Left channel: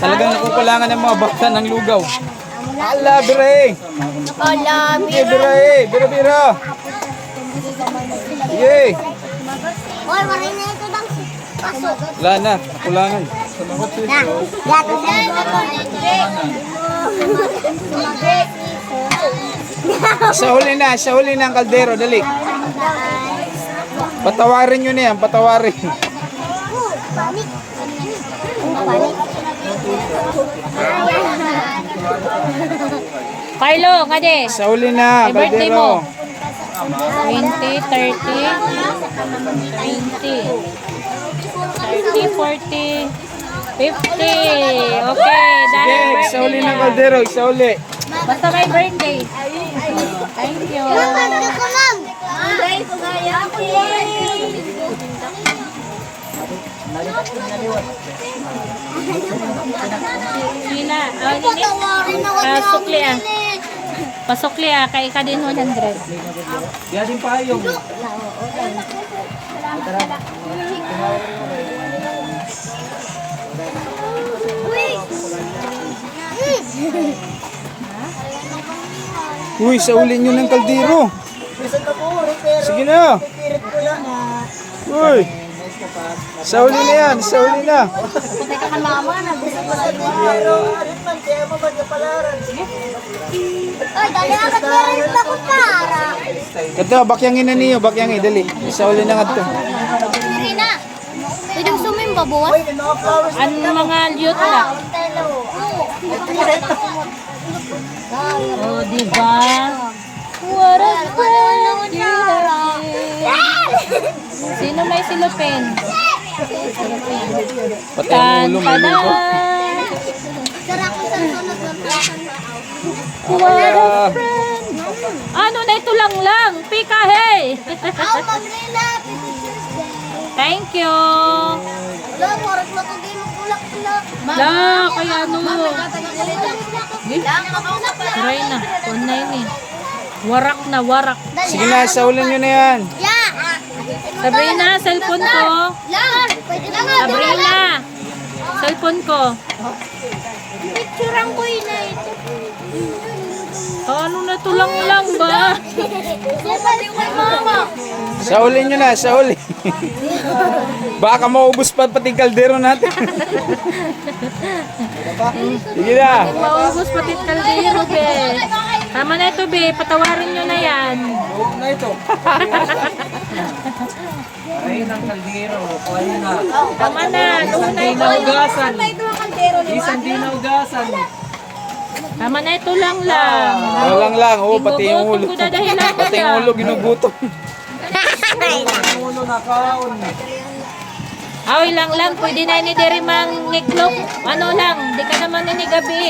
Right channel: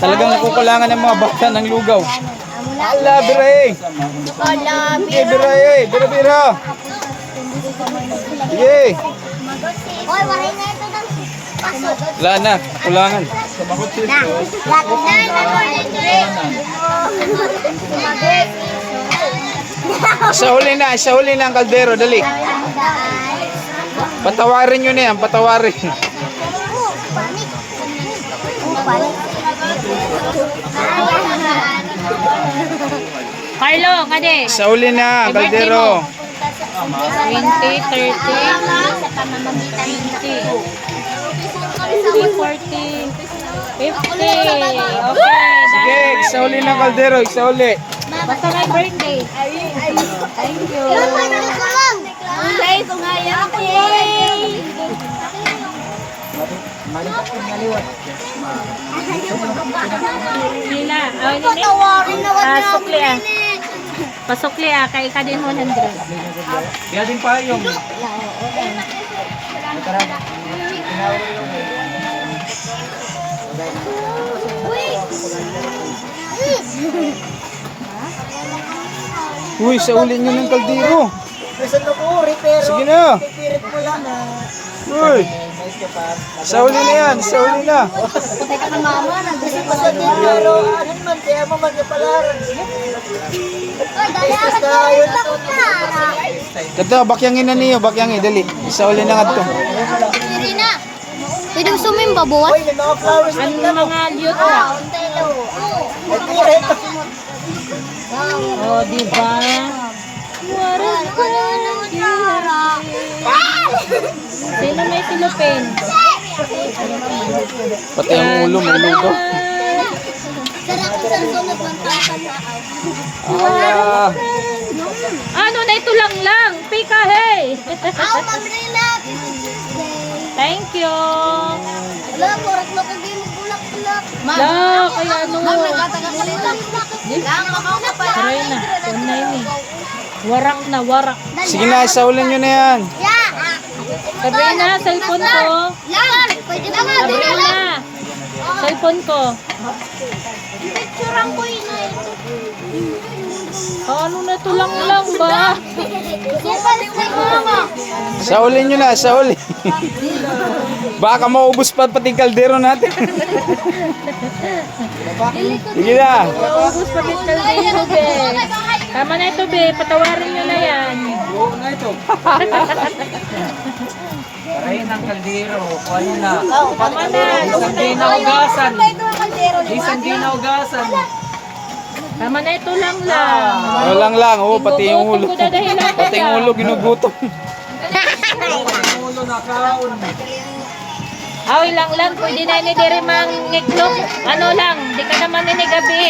Talagang nakukulangan ng mga bata ng lugaw. Ala, bira Sige, bira Bira. Sige. Wala na, kulangan. Sa huli na ang kaldero, dali. Patawarin nyo na yan, patawarin. Carlo, kade. Sa huli na ang kaldero. 20, 30, 20, 40, 50. Okay, Sige, sa huli na ang kaldero, sa huli. basta may birthday. Thank you. Nila, sukli ah. Pasukli ah, kay ka din 100. Yan din pa yung... Uy, sa uli nyo ng kaldero. Sige na. Uy. Sa uli na yan, sa uli na. Kato, bakyangin na niyo, bakyangin, dali. Sa uli na nga to. Pwede gusto mo yung babuhat? Ano mga liyot na? Oh, diba? Sino may silupin? Pati ang ulo, may lugo. Sarap ko sa sunod ng pasan. Ala. Ano na ito lang? Pika, hey! Mamrina! Thank you! Wala, morat na kung di mo bulak-bulak. La, kaya ano? Lang ako na pala. Try na. Online eh. Warak na, warak. Sige na, sa uli nyo na yan. Sabihin na, cellphone ko. Lang! Pwede na nga. Sabihin na. Cellphone ko. Picturean ko yun na ito. Ano na ito lang ba? Super kay mama. Sa uli nyo na, sa uli. Baka maubos pa pati kaldero natin. Sige na. Maubos pa kita dito, be. Tama na ito, be. Patawarin nyo na yan. Oo na ito. Paray ng kaldero. Kuha na. Tama na. Isang di na ugasan. Isang di na ugasan. Tama na ito lang. Walang lang, oh, pati yung ulo. Ginugutom ko dadahilan ko Pati yung ulo, ginugutom. Ulo na kaon. Aw, ilang lang. Pwede na ini diri mang ngiklop. Ano lang. Di ka naman ini gabi.